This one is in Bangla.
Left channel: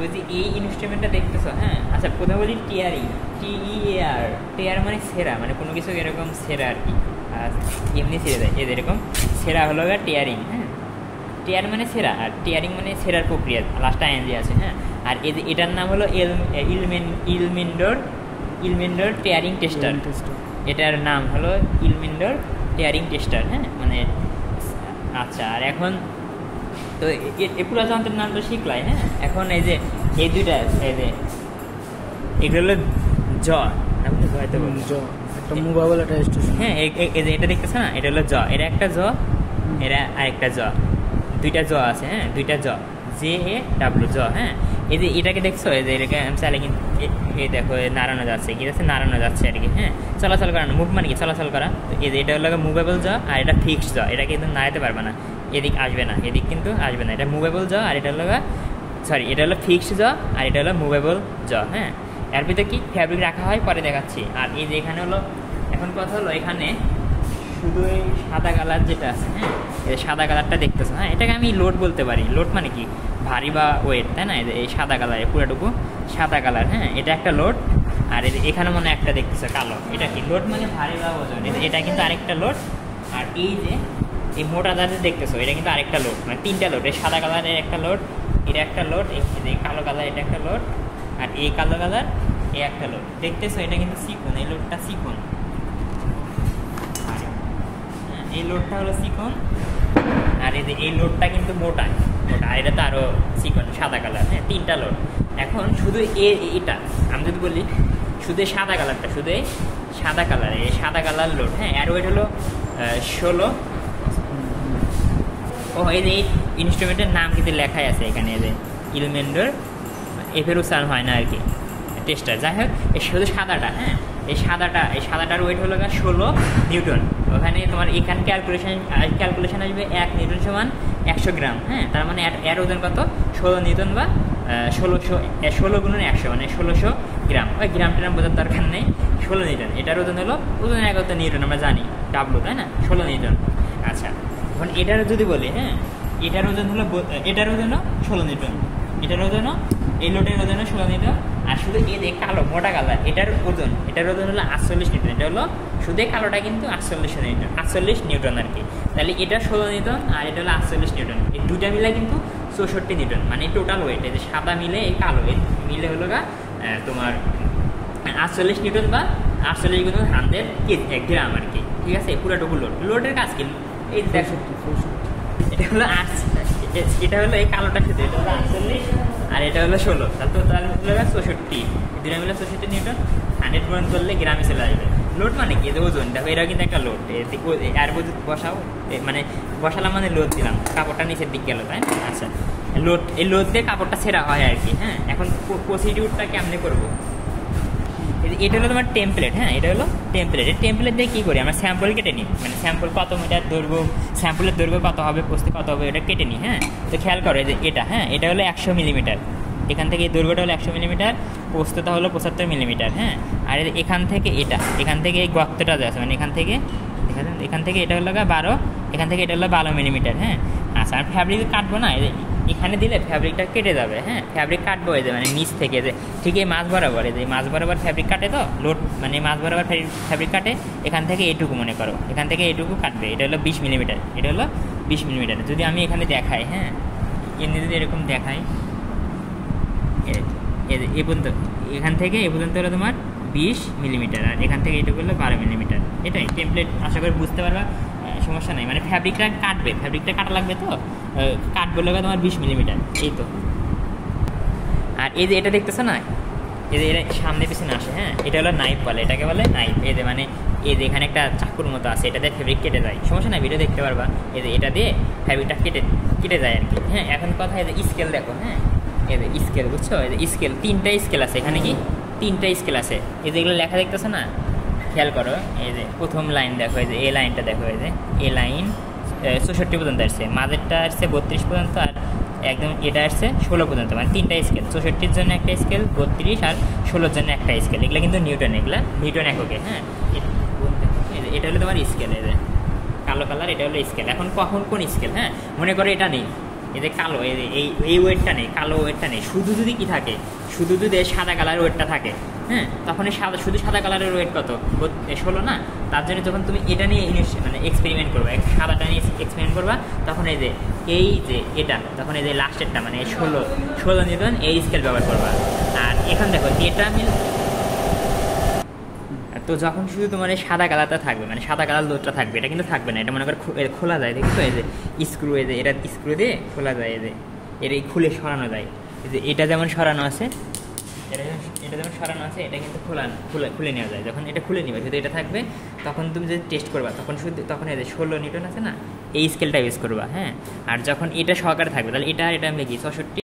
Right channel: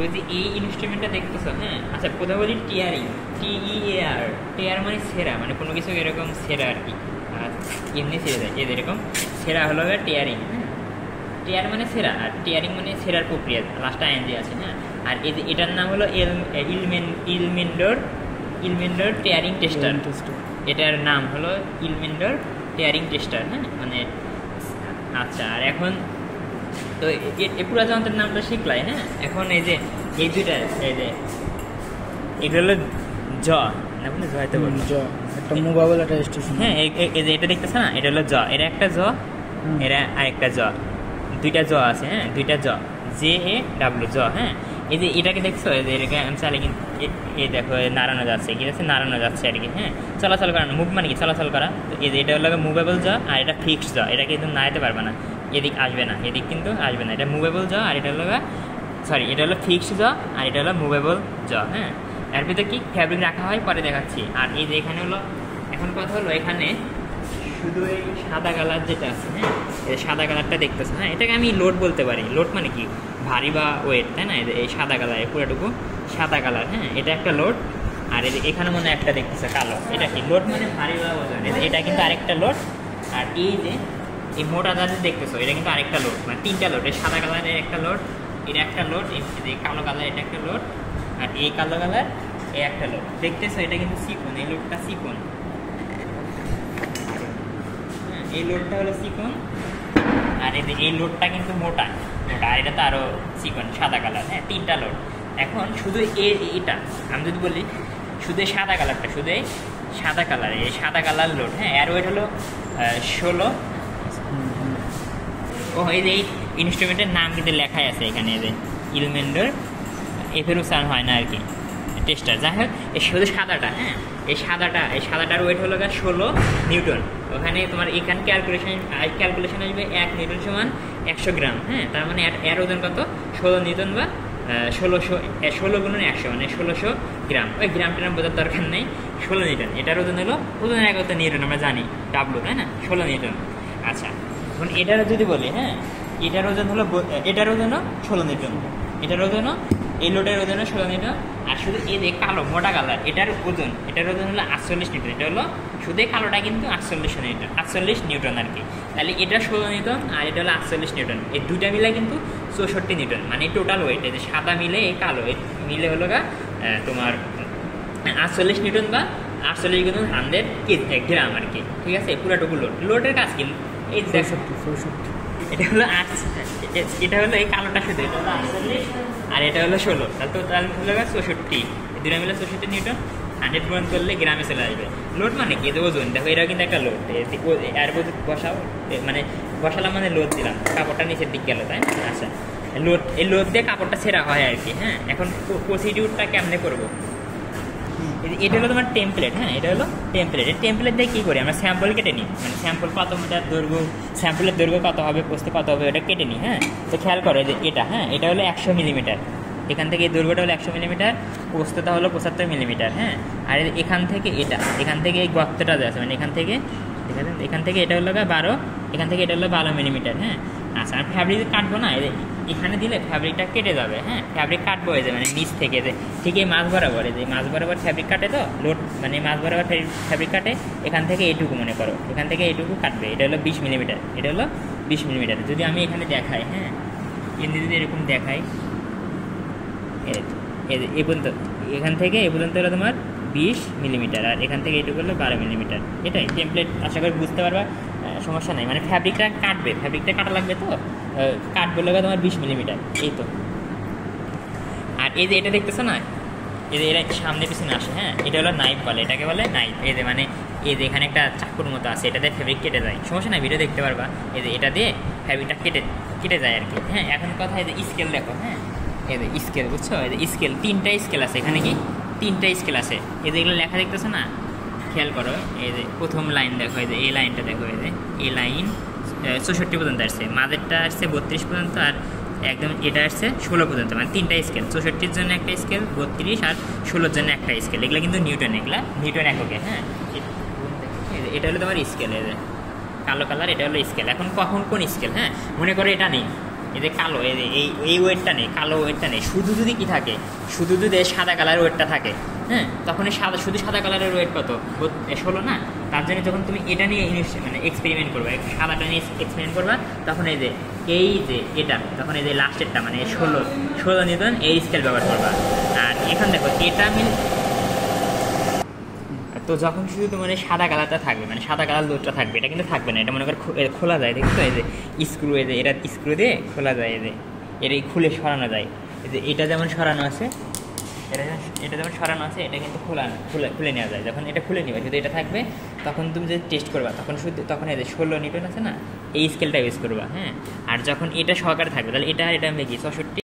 ওই যে এই ইনস্ট্রুমেন্টটা দেখতেছো, হ্যাঁ আচ্ছা কোথাও বলি টিয়ারিং, TEAR, টিয়ার মানে সেরা, মানে কোনো কিছু এরকম সেরা আর কি, আর এমনি ছেড়ে দেয় এরকম সেরা হলো টিয়ারিং। হ্যাঁ টিয়ার মানে সেরা, আর টিয়ারিং মানে সেরার প্রক্রিয়া, লাস্ট আইএনজি আছে। হ্যাঁ আর এটার নাম হলো ইলমিন্ডর টিয়ারিং টেস্টার। এটার নাম হলো ইলমিন্ডর টিয়ারিং টেস্টার। হ্যাঁ মানে আচ্ছা, আর এখন তো পুরো যন্ত্রের নামটা শিখলাই। হ্যাঁ এখন এই যে এই দুইটা, এই যে এগুলো হলো জয়তে বললো একটা মোবাইল একটা স্টেশন। হ্যাঁ এই যে এটা দেখতেছ না, এটা হলো এটা একটা এরা আরেকটা দুইটা আছে। হ্যাঁ দুইটা JAW হ্যাঁ এই যে এটাকে দেখছো, এই যে এটাকে আমি চাইলে কিন্তু এই দেখো নাড়ানো যাচ্ছে, কি আছে নাড়ানো যাচ্ছে আর কি। হ্যাঁ চলাচল করানো, মুভ মানে কি চলাচল করা। এই যে এটা হলো মুভেবল আর এটা ফিক্সড এটা কিন্তু নাড়াতে পারবে না, এদিক আসবে না, এদিক কিন্তু আসবে না। এটা মুভেবল আর এটা হলো এটা হলো ফিক্সড আর এটা হলো মুভেবল হ্যাঁ এর ভিতরে কি ফ্যাব্রিক রাখা হয় পরে দেখাচ্ছি। আর এই যে এখানে হলো, এখন কথা হলো এখানে শুধু এই সাদা কালার যেটা আছে, হ্যাঁ এই সাদা কালারটা দেখতেছে। হ্যাঁ এটাকে আমি লোড বলতে পারি। লোড মানে কি ভারী বা ওয়েট, তাই না? এই সাদা কালার, পুরোটুকু সাদা কালার। হ্যাঁ এটা একটা লোড। আর এখানে মনে একটা দেখতেছে কালো, এটা কি লোড মানে ভারী বা ওজন, এটা কিন্তু আরেকটা লোড। আর এই যে এই মোটা যা দেখতেছো এটা কিন্তু আরেকটা লোড, মানে তিনটা লোড। এই সাদা কালারের একটা লোড, এটা একটা লোড, এই কালো কালার এটা একটা লোড, আর এই কালো কালার এই একটা লোড। দেখতেছো এটা কিন্তু চিকন, এই লোডটা চিকন, এই লোডটা হলো চিকন। আর এই লোডটা কিন্তু মোটা, আর এটা তো আরো চিকন সাদা কালার। হ্যাঁ তিনটা লোড। এখন শুধু এটা আমি যদি বলি শুধু সাদা কালারটা, শুধু সাদা কালার, এই সাদা কালার লোড। হ্যাঁ এর ওয়েট হলো 16। ও এই যে ইনস্ট্রুমেন্টের নাম কিন্তু লেখাই আছে এখানে, এই যে ইলমেন্ডর এফেরুসার হয় না আর কি টেস্টার। যাই হোক এই শুধু সাদাটা, হ্যাঁ এই সাদাটার ওয়েট হলো 16 নিউটন। ওখানে তোমার এখানে ক্যালকুলেশন আসবে 1 নিউটন সমান 100 গ্রাম। হ্যাঁ তার মানে এর ওজন কত? 16 নিউটন বা 16 গুণন 100 মানে 1600 গ্রাম। ওই গ্রামটার নাম বোঝার দরকার নেই, 16 নিউটন। এটার ওজন হলো ওজনের একতা নিউটন, আমরা জানি W, তাই না? 16 নিউটন। আচ্ছা এখন এটার যদি বলি, হ্যাঁ এটার ওজন হলো 16 নিউটন, এটার ওজনও এই লোডের ওজন 16 নিউটন। আর শুধু এই যে কালো মোটা কালার এটার ওজন হলো 48 নিউটন। এটা হলো শুধু কালোটা কিন্তু 48 নিউটন আর কি। তাহলে এটা 16 নিউটন আর এটা হলো 48 নিউটন, এই দুটা মিলে কিন্তু 64 নিউটন, মানে টোটাল ওয়েট এই যে সাদা মিলে এই কালো মিলে হলো তোমার 48 নিউটন বা 48 গুণ 100 গ্রাম আর কি। ঠিক আছে পুরোটুকু লোডের কাজ কি এই 64। এটা হলো এটা হলো এই কালোটা শুধু, এটা হলো 48 আর এটা হলো 16, তাহলে টোটাল হলো 64। এই দুটা মিলে 64 নিউটন। 100 পূরণ করলে গ্রামে চলে আসবে। লোড মানে কি ওজন, দেখো এটাও কিন্তু একটা লোড। আর বসাও মানে বসালাম মানে লোড দিলাম, কাপড়টা নিচের দিক গেল, তাই না? আচ্ছা লোড, এই লোড দিয়ে কাপড়টা ছেঁড়া হয় আর কি। হ্যাঁ এখন প্রসিডিউরটা কেমনে করবো? এটা হলো তোমার টেমপ্লেট। হ্যাঁ এটা হলো টেমপ্লেট। এই টেমপ্লেট দিয়ে কী করি আমরা? স্যাম্পল কেটে নিই, মানে স্যাম্পল কত মিটার দৈর্ঘ্য, স্যাম্পলের দৈর্ঘ্য কত হবে, প্রস্থ কত হবে, ওটা কেটে নিই। হ্যাঁ তো খেয়াল করে যে এটা, হ্যাঁ এটা হলো 100 মিলিমিটার। এখান থেকে এই দৈর্ঘ্যটা হলো 100 মিলিমিটার, প্রস্থটা হলো 75 মিলিমিটার। হ্যাঁ আর এখান থেকে এই গর্তটা আছে, মানে এখান থেকে এটা হলো 12, এখান থেকে এটা হলো 12 মিলিমিটার। হ্যাঁ আচ্ছা আর ফ্যাব্রিক কাটবো না, এখানে দিলে ফ্যাব্রিকটা কেটে যাবে। হ্যাঁ ফ্যাব্রিক কাটবো এই যে মানে নিচ থেকে, যে ঠিক এই মাছ বরাবর, এই যে মাছ বরাবর ফ্যাব্রিক কাটে, তো লোড মানে মাছ বরাবর ফ্যাব্রিক কাটে। এখান থেকে এইটুকু মনে করো, এখান থেকে এইটুকু কাটবে। এটা হলো 20 মিলিমিটার, এটা হলো 20 মিলিমিটার। যদি আমি এখানে দেখাই, হ্যাঁ যদি এরকম দেখাই, এ পর্যন্ত এখান থেকে এ পর্যন্ত হলো তোমার 20 মিলিমিটার, আর এখান থেকে এইটুকু হলো 12 মিলিমিটার। এটাই টেমপ্লেট, আশা করি বুঝতে পারবা, সমস্যা নাই। মানে ফ্যাব্রিকটা কাটা লাগবে, তো কাটবে লোক তোমার 20 মিলিমিটার, এই তো। আর এই যে এটা দেখতেছো না, এই যে এটা সামনে পিছনে আসে, হ্যাঁ এটা হলো নাইফ বলে, এটাকে বলে নাইফ। এই যে মানে এই যে এখানে একটা চাকুর মতো আছে, এটা দিয়ে ফ্যাব্রিক কেটে যায়, সমস্যা নাই, ভিডিও দেখতে পারবা। এই যে এটা দিয়ে ফ্যাব্রিকটা কেটে যায় আর কি। হ্যাঁ এখন কথা এই যে স্কেল দেখো, হ্যাঁ এই যে স্কেল, বুঝছো? এই যে স্কেল, 3টা স্কেল আছে এখানে, কি 3টা স্কেল আছে। এই যে এগুলো লেখা দেখতেছো না, খেয়াল করো। এই যে প্রথম লাইন দেখো, এই যে এই লাইনটা দেখো, এই যে এই লাইন 64 পর্যন্ত আসছে, মাঝেরটা আসছে 32 পর্যন্ত, আর একদম এটা আসছে 16 পর্যন্ত, মানে 3টা স্কেল। 64-র জন্য একটা স্কেল, 32 আর 16-র জন্য একটা স্কেল। এগুলো কিন্তু নিউটন, এগুলো নিউটন এককে। হ্যাঁ এটা হলো তোমার স্কেল, এই যে কালো কালার, এটা হলো স্কেল। এখন কখন কোন স্কেল? হ্যাঁ মনে করো এটা নেই, এই যে কালো এই ওয়েটটা নেই, কালো ওয়েটটা নেই, শুধু যদি কি থাকে, শুধু যদি সাদা কালারের ওয়েটটা থাকে, হ্যাঁ, তখন শুধু সাদা কালারের ওয়েট কত 16 না। তার জন্য যখন তুমি এটা নিয়ে মানে এক্সপেরিমেন্ট করবা, সাদাটা নিয়ে এক্সপেরিমেন্ট করবা, তখন এই যে এটা তখন এই যে লাস্টেরটা মানে 16 নিউটন এই স্কেল ব্যবহার করবা। আর এখন দেখো এটা তো যখন শুধু তোমার এই সাদা কালারটা থাকবে, মানে সাদা কালার লোডটা থাকবে, এটা কিন্তু থাকবে না, এটা মনে করো খোলা যায়, দেখছো এই যে স্ক্রু, এই যে এটা স্ক্রু দিয়ে খোলা যায়, এই যে এটা খুলে সরানো যায়, এই যে এটা যেমন সরানো আছে, এটা যেমন সরানো আছে, এটা কিন্তু খুলে নেওয়া যায়। যখন এটা খুলে নেবে শুধু এটা থাকবে, তখন তুমি যদি টেস্ট করবা তখন এই যে 16 নিউটন আছে না, এই স্কেলটা ইউজ করবা, হ্যাঁ। আর যখন এটা সহকারে থাকবে তাহলে এটা আমি কি 64